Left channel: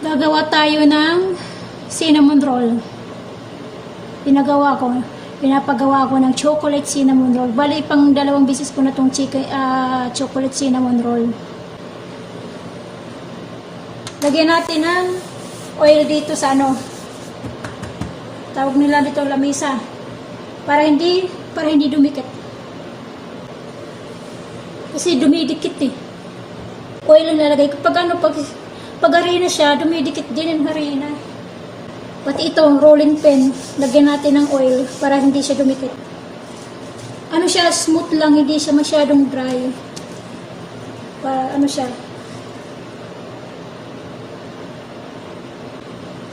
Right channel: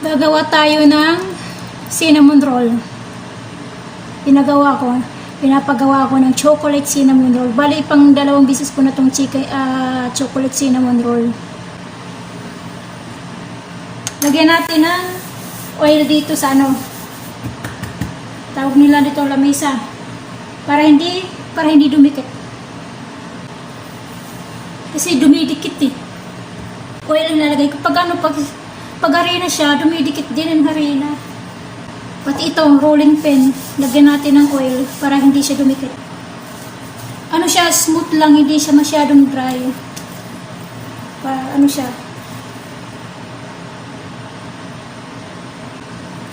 Gagawa tayo ng cinnamon roll. Pinapagawa ko ng chocolate cinnamon roll. Bali, pang 2 beses ko na itong chocolate cinnamon roll. Lagyan natin ng oil dito sa tawag nila dito lamesa. Para hindi dumikit. Kasi dumidikit eh. Oil ang lalagay ko. Pag harina siya, dumidikit din ang harina. Pati ito, rolling pin, lagyan natin ng oil para hindi siya dumikit. Siya, smooth lang, hindi siya masyadong dry. Para siya.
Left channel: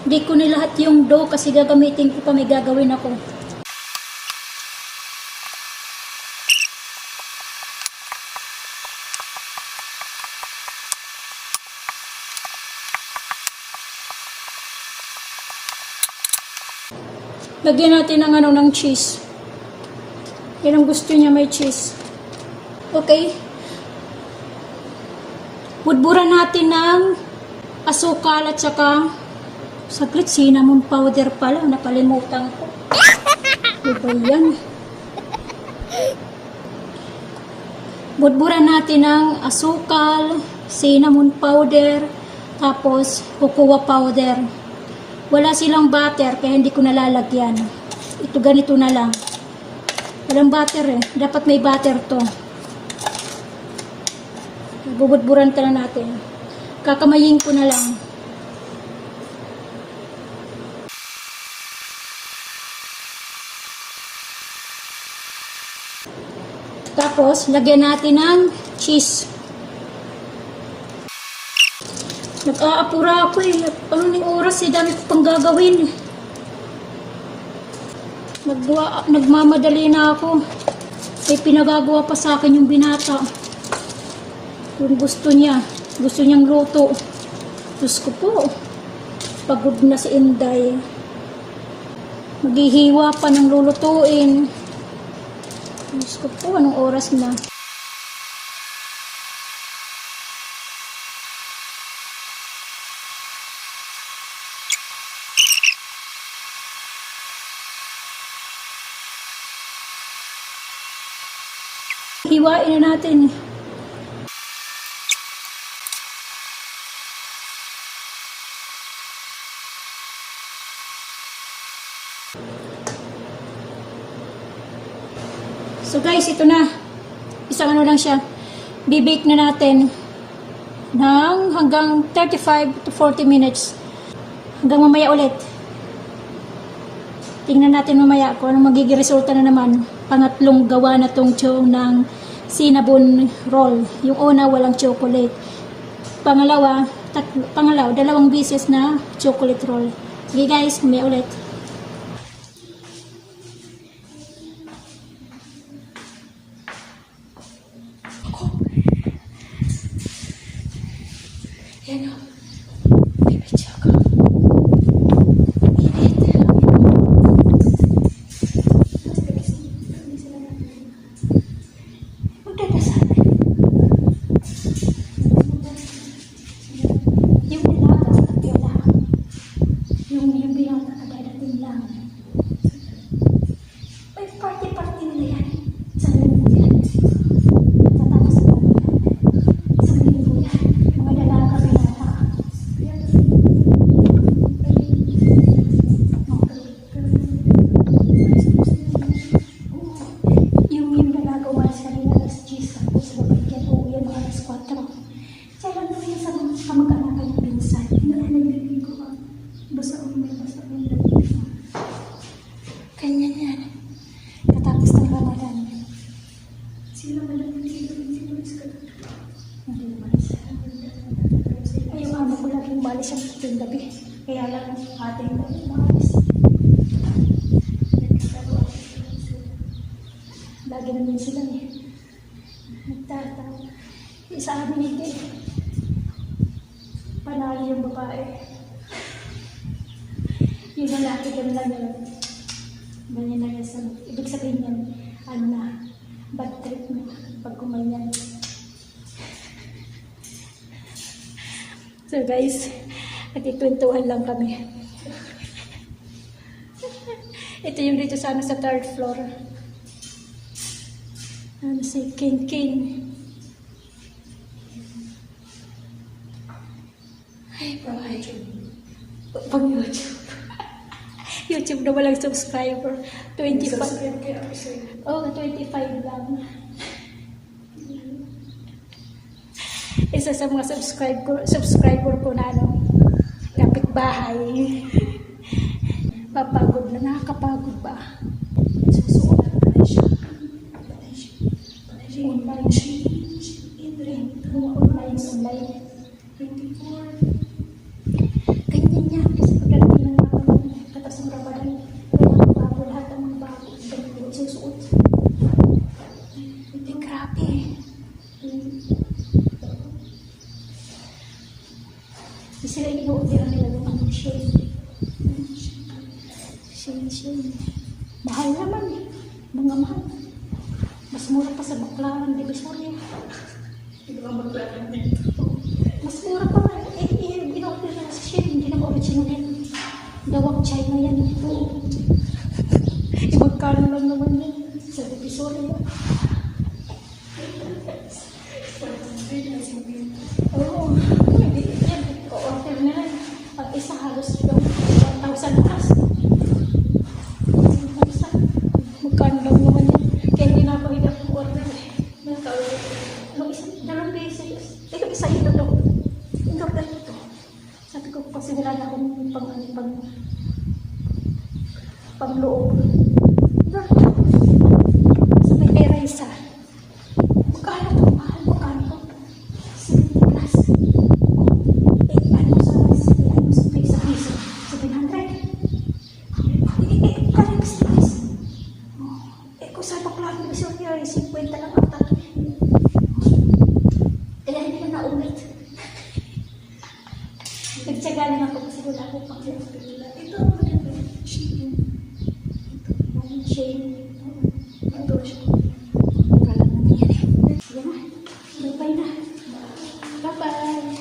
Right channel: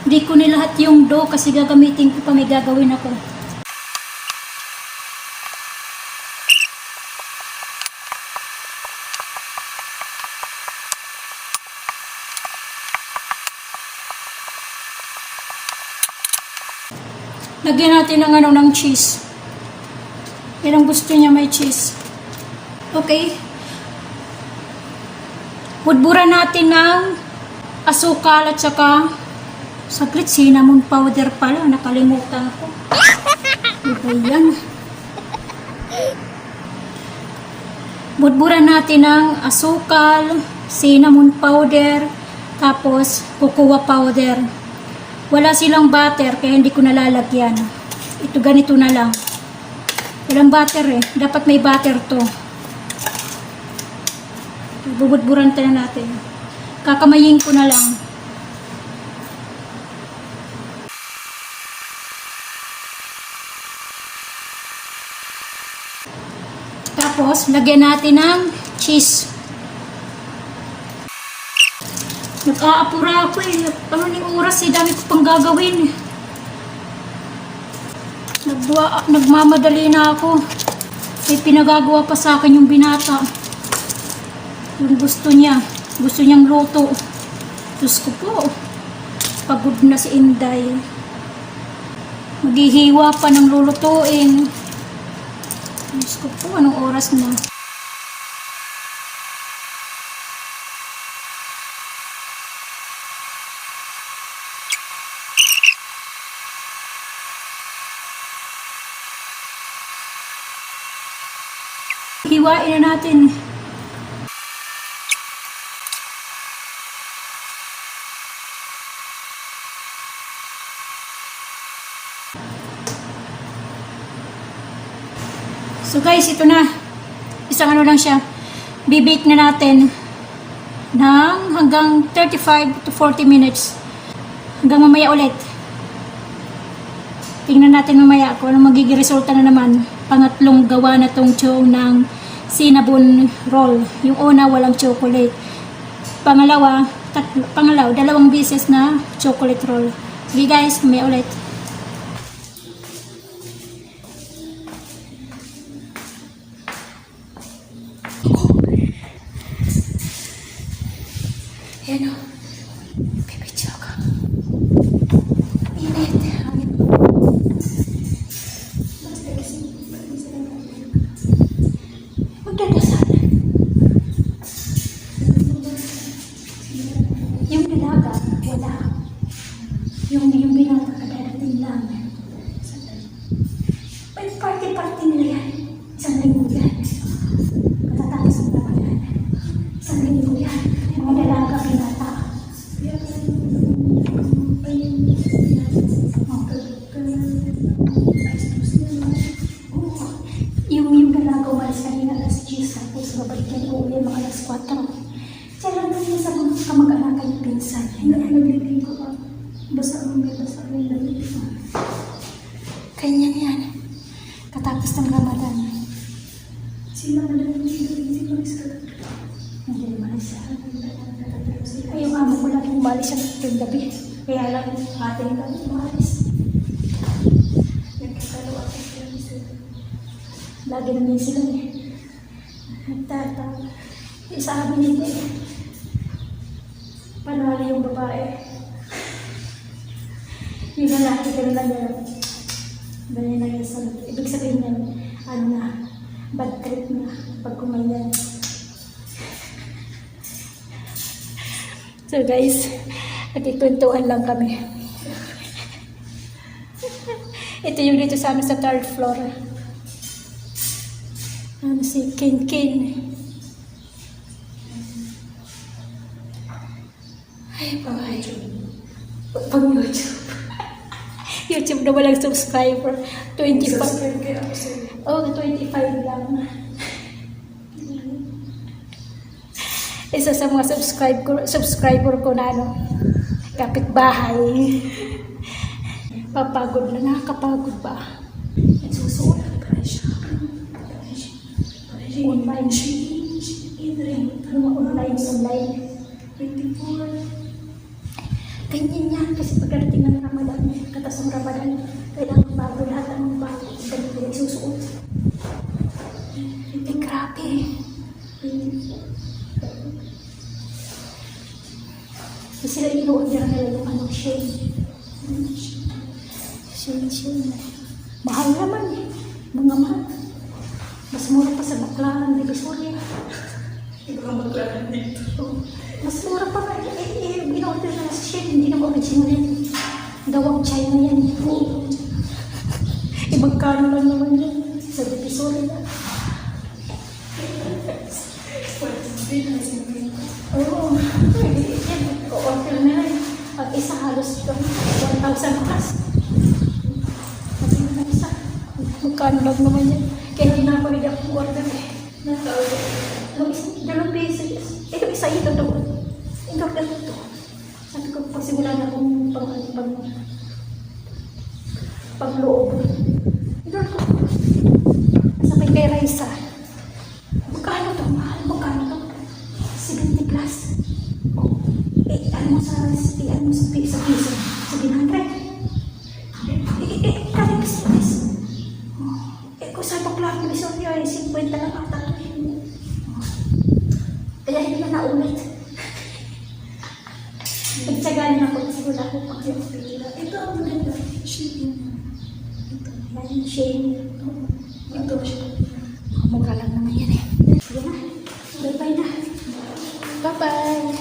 Hindi ko nilahat yung dough kasi gagamitin ko pa, may gagawin ako. Lagyan natin ng cheese. Yan ang gusto niya, may cheese. Okay. Budburan natin ng asukal at saka saglit, cinnamon powder pala. Nakalimutan ko. Diba yan? Budburan natin ng asukal, cinnamon powder, tapos cocoa powder. Wala silang butter, kaya hindi ko nalalagyan. Ito ganito na lang. Walang butter eh. Dapat may butter to. Bubudburan na natin. Kakamayin ko na lang. Tapos, lagyan natin ng cheese. Nag-aapura ako eh. Ano yung oras eh, dami ko pang gagawin. Nagmamadali na ako. Eh, pinagagawa pa sa akin yung binata. Yung gusto niya. Gusto niyang luto. Diyos ko po. Pagod na si Inday. Maghihiwa pa ng lulutuin. Diyos ko po, anong oras na? Hiwain na natin. So guys, ito na. Isang lang siya. Bibake na natin ng hanggang 35 to 40 minutes. Hanggang mamaya ulit. Tingnan natin mamaya kung anong magiging resulta na naman. Pangatlong gawa na tong chow ng cinnamon roll. Yung una, walang chocolate. Pangalawa, 2 beses na chocolate roll. Sige guys, mamaya ulit. Yan o. Bibidyo ka. Init. Magdadasal. Yung binaga, wala. Yung binaga, kadadating lang. Ay, party-party nila yan. Isang linggo yan. Matatapos mo naman yan. Isang linggo yan. Mga dalaga, binata. Yung ginagawa sa kanina alas 10, tapos babalikan ko ulit mga alas 4. Diyan lang kami sa mga kamag-anak ng pinsan. Hindi na naglilin ko pa. Basa ang naglilin. Kanya yan. Katapos ng Ramadan. Sila malamang dito. Hindi naman siya. Ay, yung amo ko lang umalis siya ng gabi. Kaya lang ating lang umalis. Lagi namin sila niya. Sa amin hindi. Panalo yung babae. Yung lalaki ka lang yun. Dali na yan sa ibig sabihin yan, bad trip na pag kumayan. So guys, Nagkikwentuhan lang kami. Ito yung dito sa sa third floor. Si Kin Kin. Ay, bye. Pag YouTube. YouTube na walang subscriber. 25. Oh, 25 lang. Isa sa mga subscriber ko na kapitbahay. Papagod na, nakakapagod ba? Susulat pa rin siya. Online. Online. 24. Ganyan yan. Kasi pagkarating ng Ramadan, katas ng Ramadan, kailangan bago lahat ng bago. Ganyan pinagsusuot. Hindi, grabe. Kasi sila ino-order nila yung anong shade. Shade. Mahal naman eh. Mga mahal. Mas mura pa sa Baclaran, Divisoria. Mas mura pa nga. Ino-order na sa shade. Hindi na original yan. Gawang China yan. Magkano lang naman yan sa Divisoria. Oo. Ko-order na yan. Pag isa halos 1,000 plus. Magkano lang naman yan. Kaya hindi na ako nila order eh. Dalawang beses. Ito isa ito to. Ito to. Sabi ko kasi wala na akong pang-loob. Ito to. Sabi kay Raisa. Magkano to? Magkano to? 70 plus. Ano sa piso? 700. Kaya business. Kung sa Baclaran Divisoria ay 50 lang ata. Kaya hindi na naulit. Nagtsagaan ako kasi wala akong pag-iwag. Ito, maganda. Shane. Yan, Shane. Ito siya. Mura lang naman yan eh. Sige na. Bye-bye na. Bye-bye.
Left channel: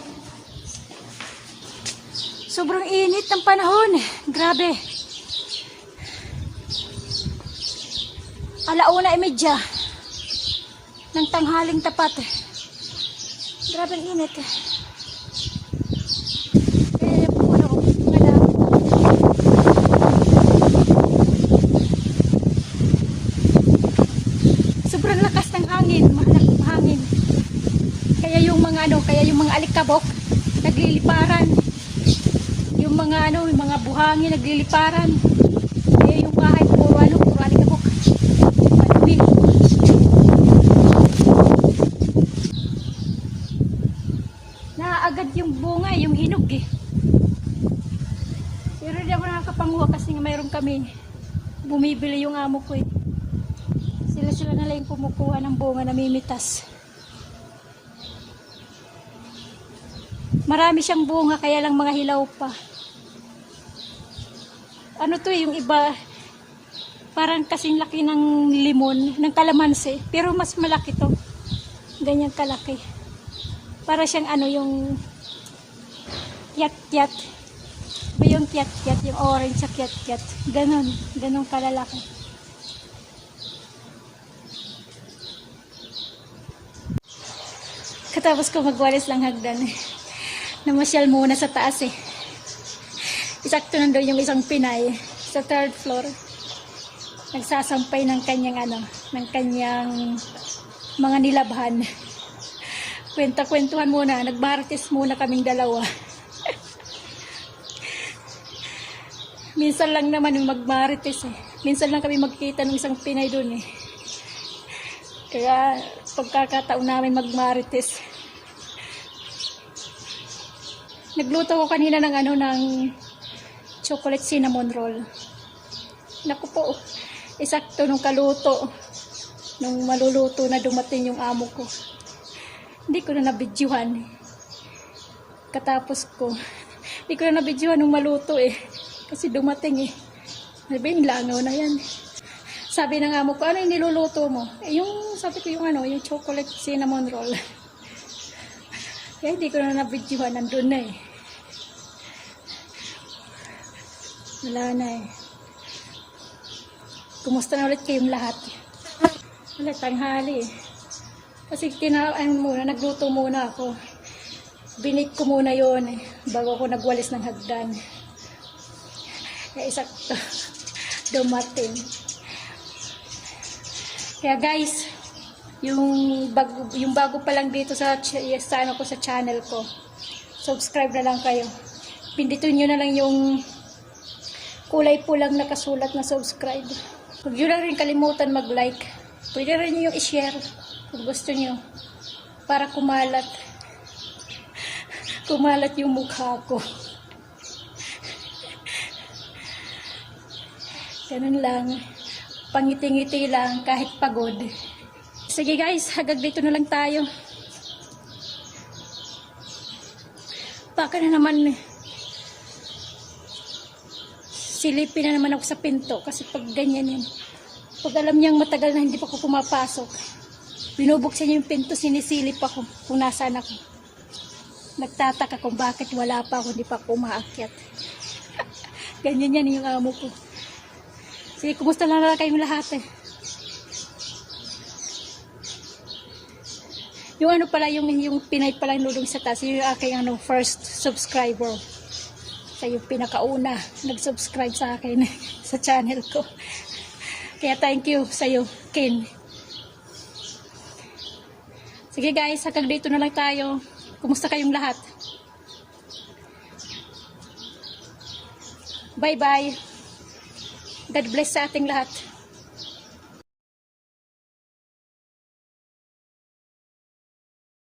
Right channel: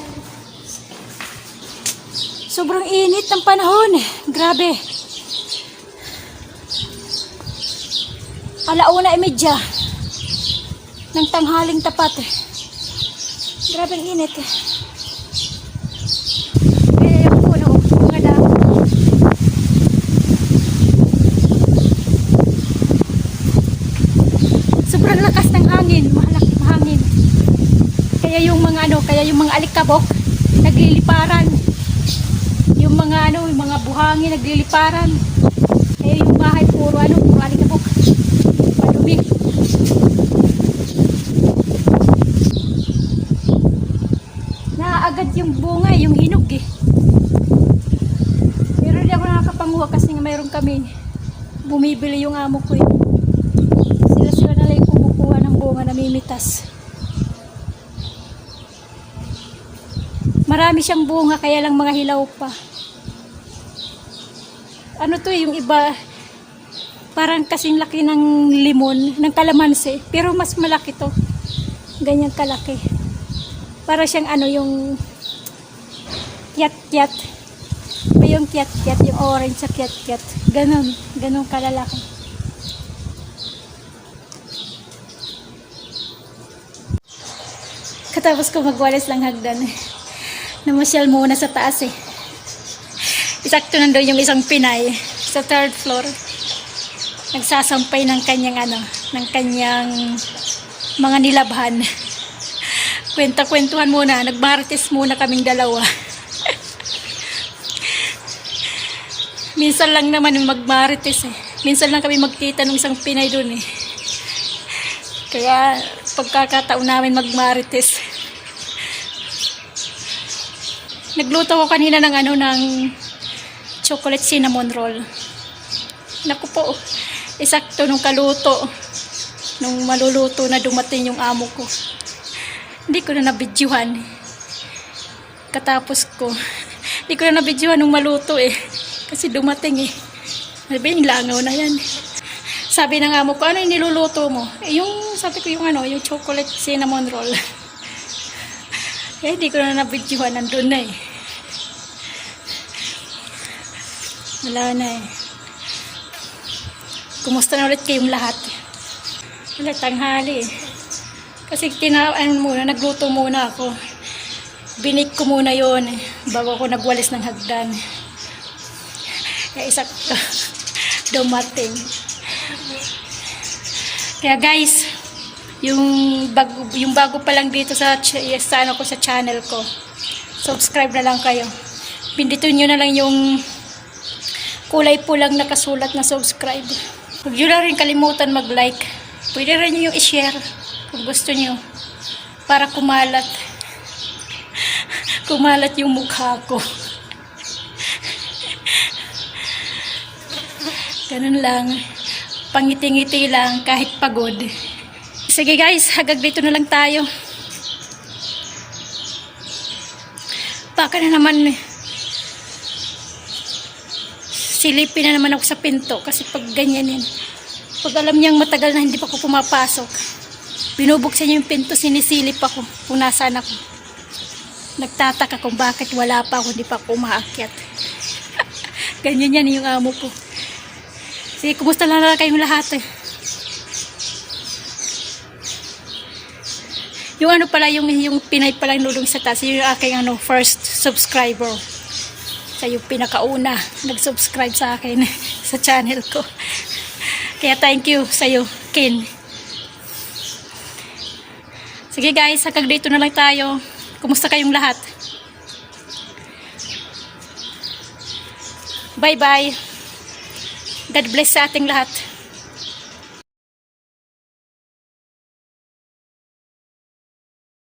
Sobrang init ng panahon. Grabe. 1:30 ng tanghaling tapat. Grabe ang init. Sobrang lakas ng hangin, malaking hangin. Kaya yung mga alikabok nagliliparan. Yung mga buhangin nagliliparan. Kaya yung bahay puro alikabok. Madumi. Naaagad yung bunga, yung hinog eh. Pero hindi ako nakakapanguha kasi nga mayroon kami. Bumibili yung amo ko eh. Sila na lang kumukuha ng bunga na mimitas. Marami siyang bunga kaya lang mga hilaw pa. Ano to yung iba parang kasing laki ng limon, ng kalamansi, pero mas malaki to. Ganyan kalaki. Para siyang yung kiat-kiat. Yung kiat-kiat, yung orange sa kiat-kiat. Ganon kalalaki. Katapos ko magwalis lang hagdan eh. Namasyal muna sa taas eh. Isakto nandoon yung isang Pinay sa third floor. Nagsasampay ng kanyang ng kanyang mga nilabhan. Kwenta-kwentuhan muna, nagmarites muna kaming dalawa. Minsan lang naman yung magmarites eh. Minsan lang kami magkita ng isang Pinay doon eh. Kaya pagkakataon namin magmarites. Nagluto ko kanina ng chocolate cinnamon roll. Naku po, isakto nung kaluto. Nung maluluto na dumating yung amo ko. Hindi ko na nabidyuhan. Katapos ko. Hindi ko na nabidyuhan nung maluto eh. Kasi dumating eh. Sabi, langaw na yan. Sabi ng amo ko, ano yung niluluto mo? Sabi ko yung chocolate cinnamon roll. Eh, hindi ko na nabidyuhan, nandun na eh. Wala na eh. Kumusta na ulit kayong lahat? Wala, tanghali eh. Kasi nagluto muna ako. Binik ko muna yon eh, bago ako nagwalis ng hagdan. Kaya isa dumating. Kaya guys, yung bago pa lang dito sa channel ko, subscribe na lang kayo. Pindutin nyo na lang yung kulay pulang nakasulat na subscribe. Huwag nyo na rin kalimutan mag-like. Pwede rin nyo yung i-share kung gusto nyo. Para kumalat yung mukha ko. Ganun lang. Pangiti-ngiti lang kahit pagod. Sige guys, hanggang dito na lang tayo. Baka na naman silipin na naman ako sa pinto kasi pag ganyanin, pag alam niyang matagal na hindi pa ako pumapasok, binubuksan niya yung pinto, sinisilip ako kung nasaan ako. Nagtataka kung bakit wala pa ako, hindi pa ako umaakyat. Ganyan yan yung amo ko. Sige, kumusta lang kayong lahat eh. Yung ano pala, yung Pinay palang nulong sa taas, yung aking first subscriber. Siya yung pinakauna nag-subscribe sa akin sa channel ko. Kaya thank you sa'yo, Kin. Sige guys, hanggang dito na lang tayo. Kumusta kayong lahat? Bye-bye. God bless sa ating lahat.